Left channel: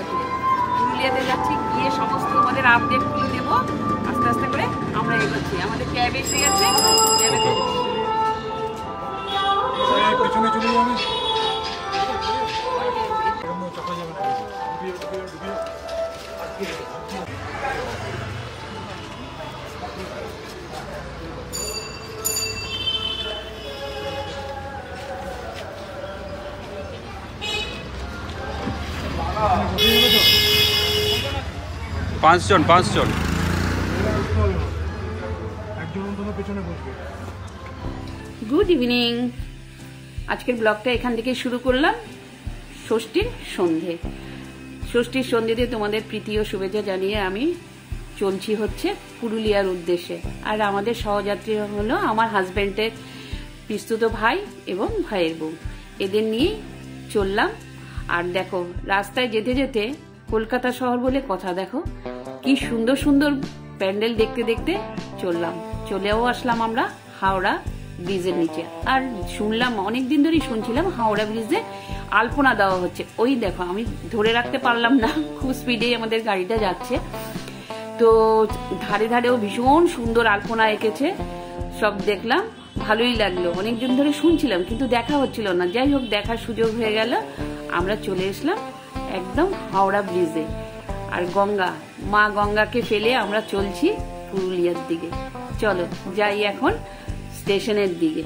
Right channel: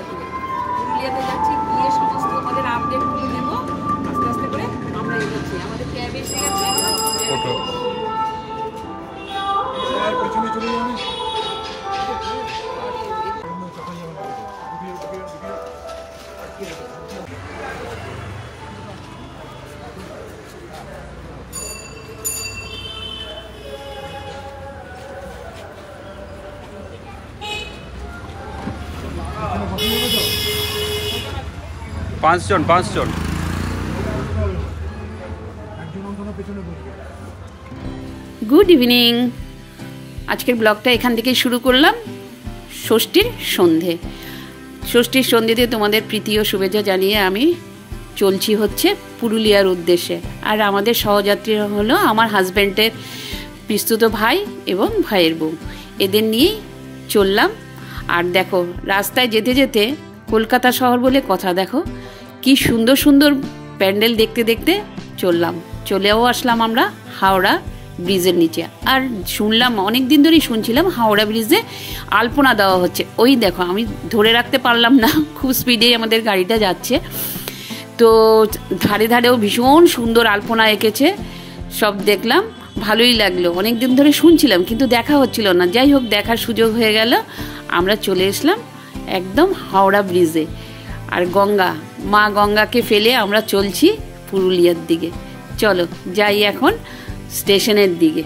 আসবে। পুরুলিয়াতে যাচ্ছি, গিয়ে সমস্ত তোমাদের আপডেটগুলো দেবো। আস্তে আস্তে করে আমরা এগোচ্ছি। আমাদের ক্যাব এসে গেছে। পিছনে চলে যাবো আমি। 5 জন গুড ইভিনিং। আজকের ব্লগটা এখান থেকে শুরু করলাম। ষষ্ঠীর সন্ধে। ষষ্ঠীর সন্ধেতে তোমাদের প্রীতি ও শুভেচ্ছা জানিয়ে আমি চলছি হচ্ছে পুরুলিয়ার উদ্দেশ্যে। আর আমাদের সহযাত্রীরা হলো আমার হাজব্যান্ডের পিস্তুত ভাই এবং ভাইয়ের বউ। এদের নিয়েই চললাম। আর দেখো, রাস্তায় যেতে যেতে কলকাতা শহর বলে কথা, দেখো কি সুন্দর সুন্দর প্যান্ডেল দেখতে দেখতে চলেও আসলাম আমরা হাওড়া ব্রিজের নিচে। আর শুনলাম, অনেক দিন ধরেই শুনছিলাম হাওড়া ব্রিজে আলপনা দেওয়া হচ্ছে। ওই দেখো, আমি ধরে রাখতে পারলাম না, খুব স্পিডে আমাদের গাড়িটা যাচ্ছে। তো ধারে ধারেও ভীষণ সুন্দর আলপনা এঁকেছে, সব দেখলাম, ভালোই লাগলো। অনেক দিন ধরে শুনছিলাম কিন্তু দেখা হচ্ছিল না। যাই হোক, দেখার সুযোগ হয়ে গেল। আমরা চলে এসলাম একদম হাওড়া ব্রিজে। আর মা গঙ্গাকে ফেলে আমরা চলছি পুরুলিয়ার দিকে। চলো যাই এখন স্টেশনের দিকে।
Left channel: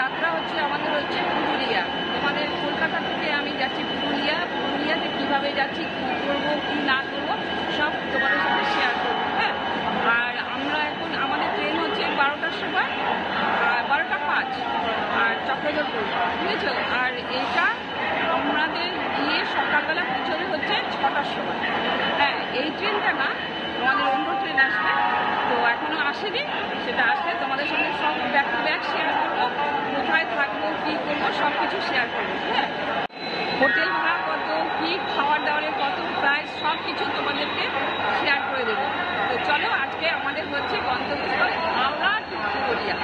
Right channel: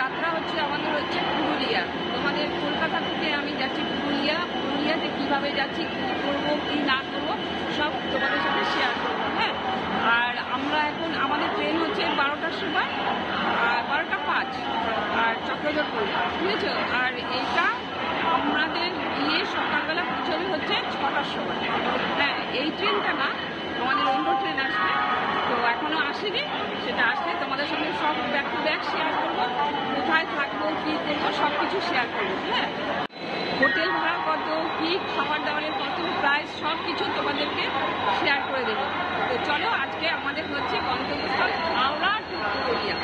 যাত্রা হচ্ছে আমাদের হচ্ছে পুরুলিয়া। তোমাদের কলকাতা থেকে আমি যাচ্ছি পুরুলিয়াতে কিভাবে যাচ্ছি, কী করবো কী না করবো সব তোমাদের সাথে শেয়ার করবো। হ্যাঁ, আর আমরা এখন আমাদের ট্রেন হচ্ছে 12টার সময়, 12টা 5, আর চক্রধরপুর, বুঝেছো। আর এইটা আমাদের গিয়ে সকালবেলা পৌঁছবে হচ্ছে 6টার সময়। হ্যাঁ, এই ট্রেনটা না, আমাদের অন্য ট্রেন আসবে, তো এখনো আসেনি। সেটা আসলে তোমাদের সঙ্গে সব ব্যাক টু ব্যাক শেয়ার করবো, কোথায় থাকবো কী করবো সব কিছু শেয়ার করবো। হ্যাঁ, হোটেল ভাড়া কত, কী খাবার দাবারের কত প্রাইস, সব কিছু তোমাদেরকে শেয়ার করে দেবো। তো চলো, আজকে আমাদের হচ্ছে গন্তব্যস্থল হাওড়া টু পুরুলিয়া।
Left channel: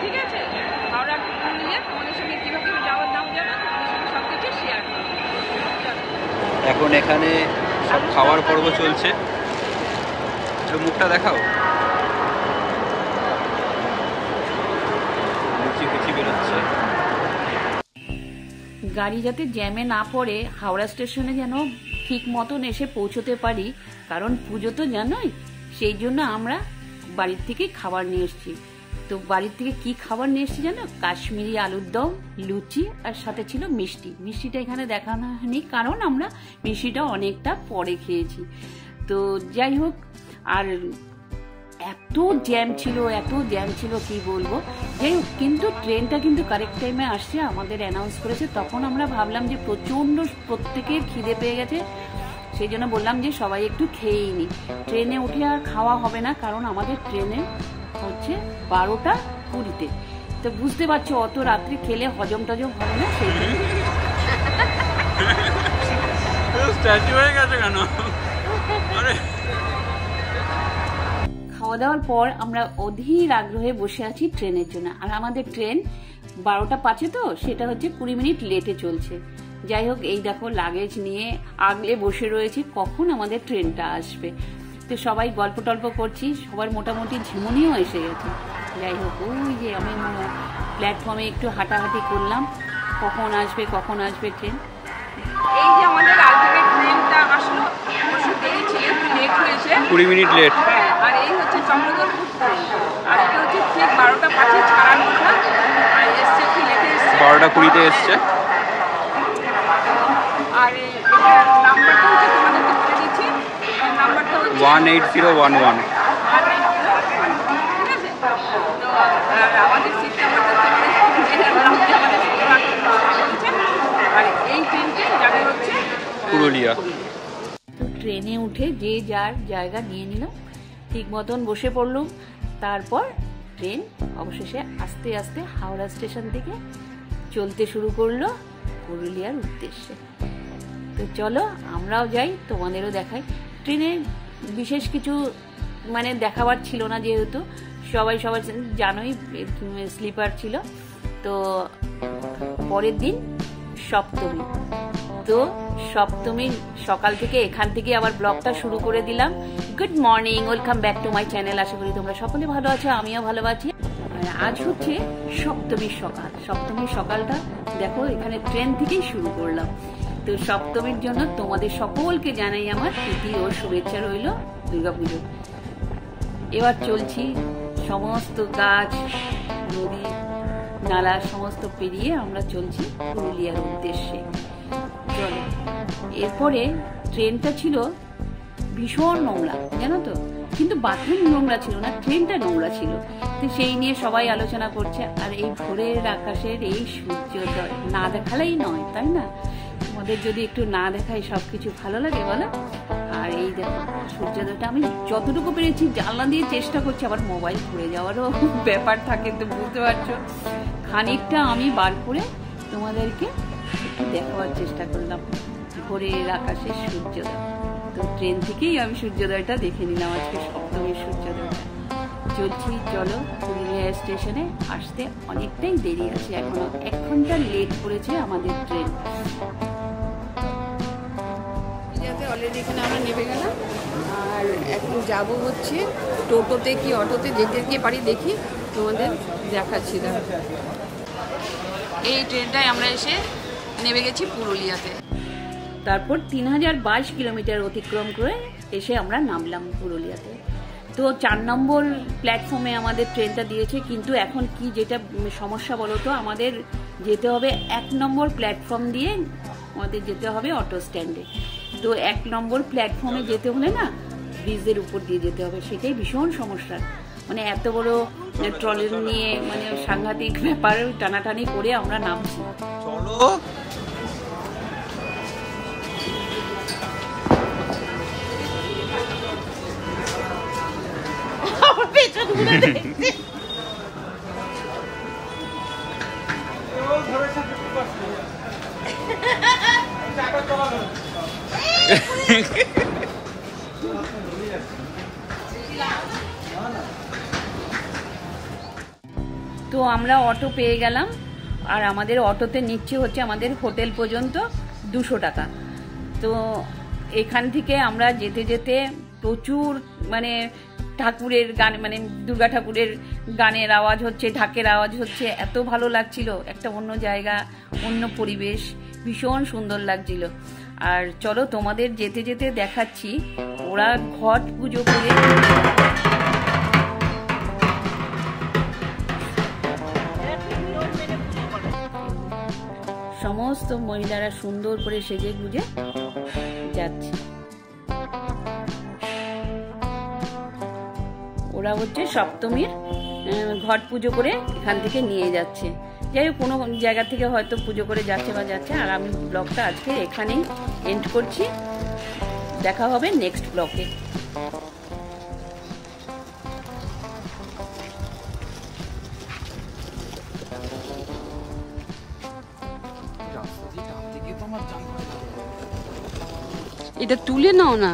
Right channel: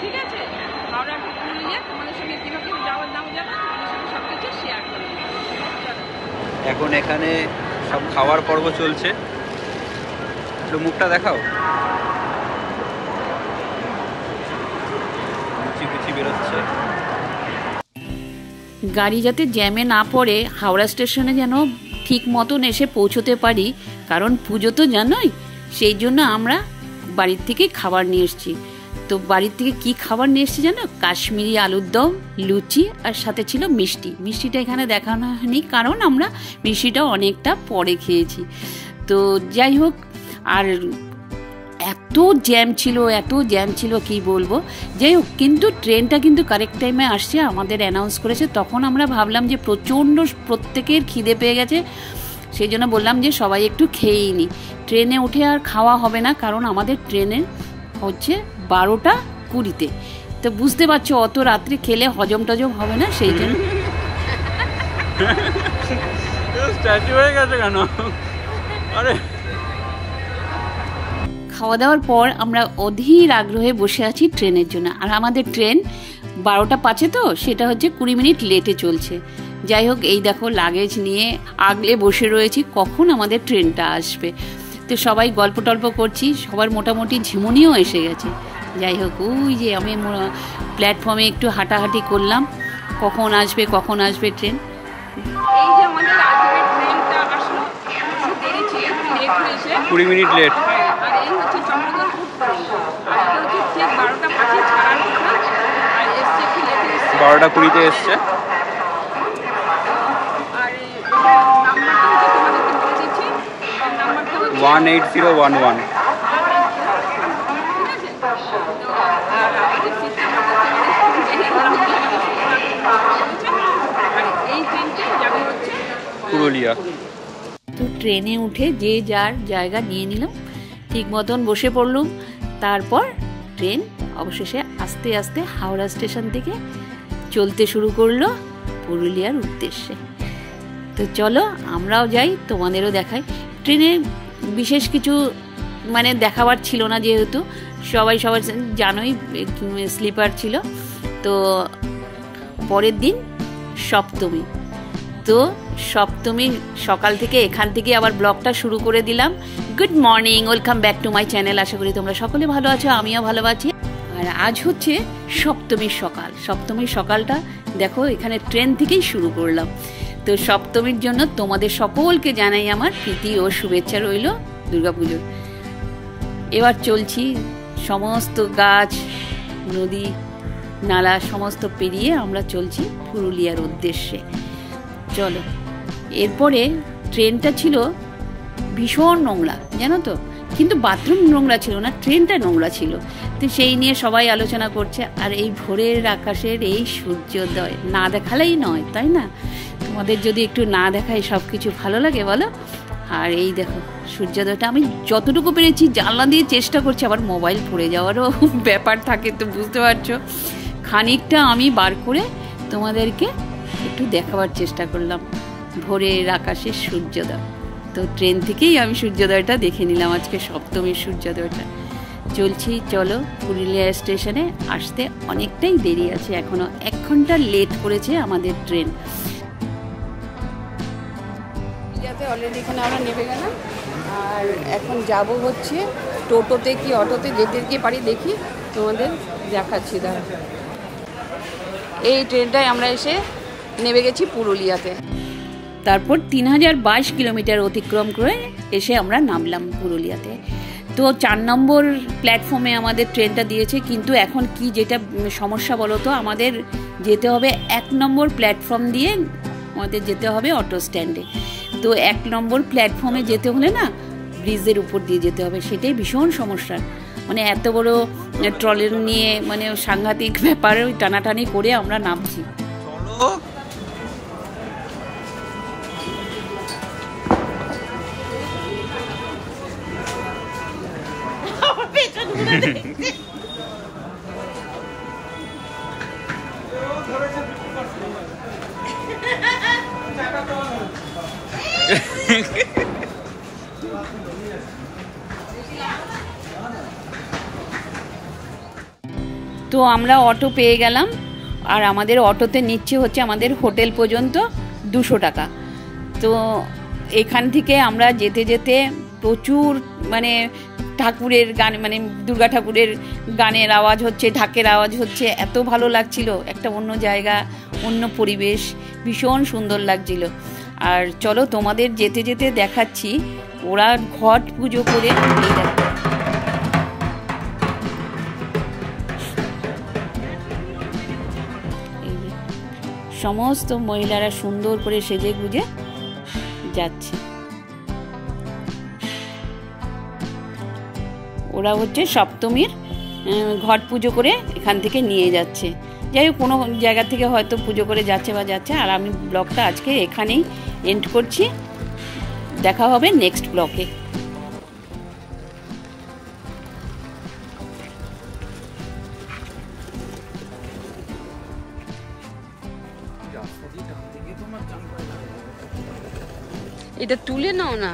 ঠিক আছে, হাওড়া টু পুরুলিয়া তোমাদের সঙ্গে কীভাবে যাওয়ার নাম যাবো, তোমাদের সঙ্গে সব কিছু শেয়ার করবো। চলো, এখন এখানে সব খাওয়ার পর্ব চলছে। একটু মুখটা দেখাও। লুচি বেরোচ্ছে। গাড়ি যাতে জ্যামে না পড়ে হাওড়া স্টেশনে যেন ঠিক মতন এসে পৌঁছতে পারি, কারণ পুজো তো জানোই। সেই জন্য আমরা বাড়ির থেকে খাবার নিয়ে এসেছি। তো বাড়ির থেকে কি খাবার নিয়ে এসেছি জানো? কাশ্মীরি আলুর দম, লুচি, আর সাথে ছিল মিষ্টি। মিষ্টিটা এখানে দেখানো হয়নি কারণ আমরা মিষ্টিটা অনেকটা পরে খেয়েছি। তো যাই হোক, আর এত জ্যাম ছিল কি বলবো। যাই হোক, কিন্তু ট্রেনটা কিন্তু কারেক্ট টাইমে আসছে, আমাদের অ্যানাউন্স করেছে। তখন আমরা ভাবলাম যে প্রত্যেকের খিদে পেয়ে গেছে, সেই জন্য বললাম যে সবাই একটু খেয়েই নি। ট্রেনে উঠে আর খাওয়া হবে না, কারণ আমাদের ট্রেনে হচ্ছে 12টা 20-তে। তো বুঝতে পারছো, অত রাত্রে খেলে হজম টজম হবে না, সেই জন্য। স্ট্যাচু হয়ে গেছে কেন? আরে, খাওয়া দাওয়ার পর আমরা অধীর আগ্রহে বসে আছি ট্রেনের জন্য। আর আমাদের ট্রেন 12টা 5-এ, তো সেটা হচ্ছে 20 মিনিট লেটে চলছে। যাই হোক, এই দেখো লাগেজ নিয়ে আগলে বসে রয়েছি, কখন আমাদের ট্রেনটা আসবে। তো সবাই গল্প টল্প করছি, সবার মোটামুটি ঝিমুনিও এসে গেছে। যাই হোক, ওই যে আমি প্ল্যাটফর্মে একটু হাঁটাহাঁটি করলাম, কখন আসবে ট্রেন। এই যে আমাদের আলটিমেট ট্রেনটা আসলো, অবশ্য দেরি ছিল, একটু লেট হয়েছে, 20 মিনিট লেট। হ্যাঁ, আর এই হচ্ছে চন্দ্রদলপুর ট্রেন। আর এটা হচ্ছে ঠিক 12টা 5-এ ছাড়ার কথা, আর এসছে কি লেটে এসছে, 12টা 20-তে এসছে। আর এটার নাম্বারটা হচ্ছে তোমাদেরকে বলে দিচ্ছি, এটার নাম্বারটা হচ্ছে 18011। ঠিক আছে। তো আর আমাদের সিট নাম্বারটা তোমাদের জেনে বললাম যে আমাদের 17 বলেছে। আর এই ট্রেনটা যাবে হচ্ছে পুরুলিয়া। তো ট্রেনে উঠে যে যার জায়গা নিয়ে নিলাম, ঠিক মতন বসে পড়লুম। তারপর ট্রেন অবশেষে আস্তে আস্তে হাওড়া স্টেশন থেকে চলতে শুরু করলো পুরুলিয়ার উদ্দেশ্যে। তো চলো আমরাও যাই, তোমাদেরও দেখাই। ট্রেনে বিশেষ কিছু মানে দেখাবার ছিল না, যেহেতু সবাই জানোই স্লিপার ছিল। তো পরের দিন সপ্তমী, তো সপ্তমীর সকাল থেকে এখান থেকে আবার ব্লগটা শুরু করে দিলাম। Good morning, welcome back to my channel. আশা করি তোমরা সকলে ভালো আছো, আমিও ভালো আছি। আর আজ হচ্ছে সপ্তমীর সকাল। সপ্তমীর সকালটা দেখো এখানে ট্রেন থেকেই শুরু করলাম। তো সপ্তমীর জন্য তোমাদের সকলকে জানাই আমার প্রীতি ও শুভেচ্ছা রইল দুর্গাপুজোর। এবার চলছি সমস্ত গাছ, নদী, নালা সমস্ত পেরিয়ে আমরা চলছি পুরুলিয়ার উদ্দেশ্যে। চলো, এরপরে ট্রেনটা ছিল ভীষণ নোংরা, জানো তো, কিন্তু বাথরুম নোংরা ছিল না, ট্রেনটা নোংরা ছিল। তো সেই নিয়ে সবাই আলোচনা করছে। আর এই ভোরের আকাশের এই সূর্যোদয় না দেখালেই নয়, তাই না? তোমাদের যদি একটু না দেখায় সব কিছু ভালো লাগে বলো? আর এই দেখো সূর্যোদয়টা আমি যতটুকু পেরেছি জানলা দিয়ে চেষ্টা করছি, আবার মোবাইল পড়ে যাওয়ারও ব্যাপার থাকে, তো বুঝতে পারছো। খানিকটা আমি বার করে তোমাদেরকে একটু দেখাবার চেষ্টা করলাম ভোরের আকাশের সূর্যোদয়। তো ট্রেন থেকেই আমি সূর্যোদয়টা দেখে নিলাম, আজকে সপ্তমীর সূর্যোদয়টা। চলছি, চলো পুরুলিয়া স্টেশনে আসতে অনেকটাই দেরি আছে, এখনো 1 ঘন্টা লেট করেছে আমাদের ট্রেন। অলরেডি এখানে আমরা নেমে গেলাম, আর এখন যাব হচ্ছে টোটোতে কি অটোতে, যেতে পারি দেখি, তোমাদের দেখাচ্ছি। দাঁড়া, এই ট্রেনটায় আমরা এসে নেমে গেছি পুরুলিয়াতে। তারপর 3022 কিলোমিটার অতিক্রম করে এসে আমরা নামলাম পুরুলিয়াতে। তো 4 নম্বর প্ল্যাটফর্মে আমাদের ট্রেনটা দিয়েছে, কিন্তু এখন কি যেটা সমস্যা বলো তো, আমাদের যেতে হবে 1 নম্বর প্ল্যাটফর্ম দিয়ে, আমাদের যেতে হবে অটো স্ট্যান্ডে। তো 1 নম্বর প্ল্যাটফর্মে যেতে হলে না ব্রিজের উপর দিয়ে যেতে হবে, সেটাই ভীষণ সমস্যা। মানে এত বড় ট্রলার নিয়ে মানে সাংঘাতিক ব্যাপার, টানাটানি করে আমরা নামছি। তো আমরা অটো পেয়ে গেলাম, আর আমাদের অটোতে নিচ্ছে হচ্ছে আমাদের হোটেল পর্যন্ত 200 টাকা। তো এখান থেকে আমরা যেতে যেতে প্রচুর মানে ঠাকুরের গান, মানে দুর্গা ঠাকুরের গানের আওয়াজ হচ্ছে, ঢাকের আওয়াজ হচ্ছে, এত ভালো লাগছিল, একটা অন্য জায়গা, অন্য পরিবেশ, ভীষণ সুন্দর লাগছিল। আর চলো তোমাদের যেতে যেতে দেখাচ্ছি, ওরা ঘট পুজো করে সমস্ত মহিলারা সুন্দর করে সেজে গুজে যাচ্ছে। ওরা হচ্ছে সপ্তমীর ঘট পুজো করে এখান থেকে নিয়ে যাচ্ছে। যাই হোক, কোনো জায়গা থেকে হয়তো পুজো করে যাচ্ছে বা যাচ্ছে। আর আমি ব্লগটা আজকে এখানেই এন্ড করছি, দেখা হবে নেক্সট ব্লগে। এটা তুলে নাও না।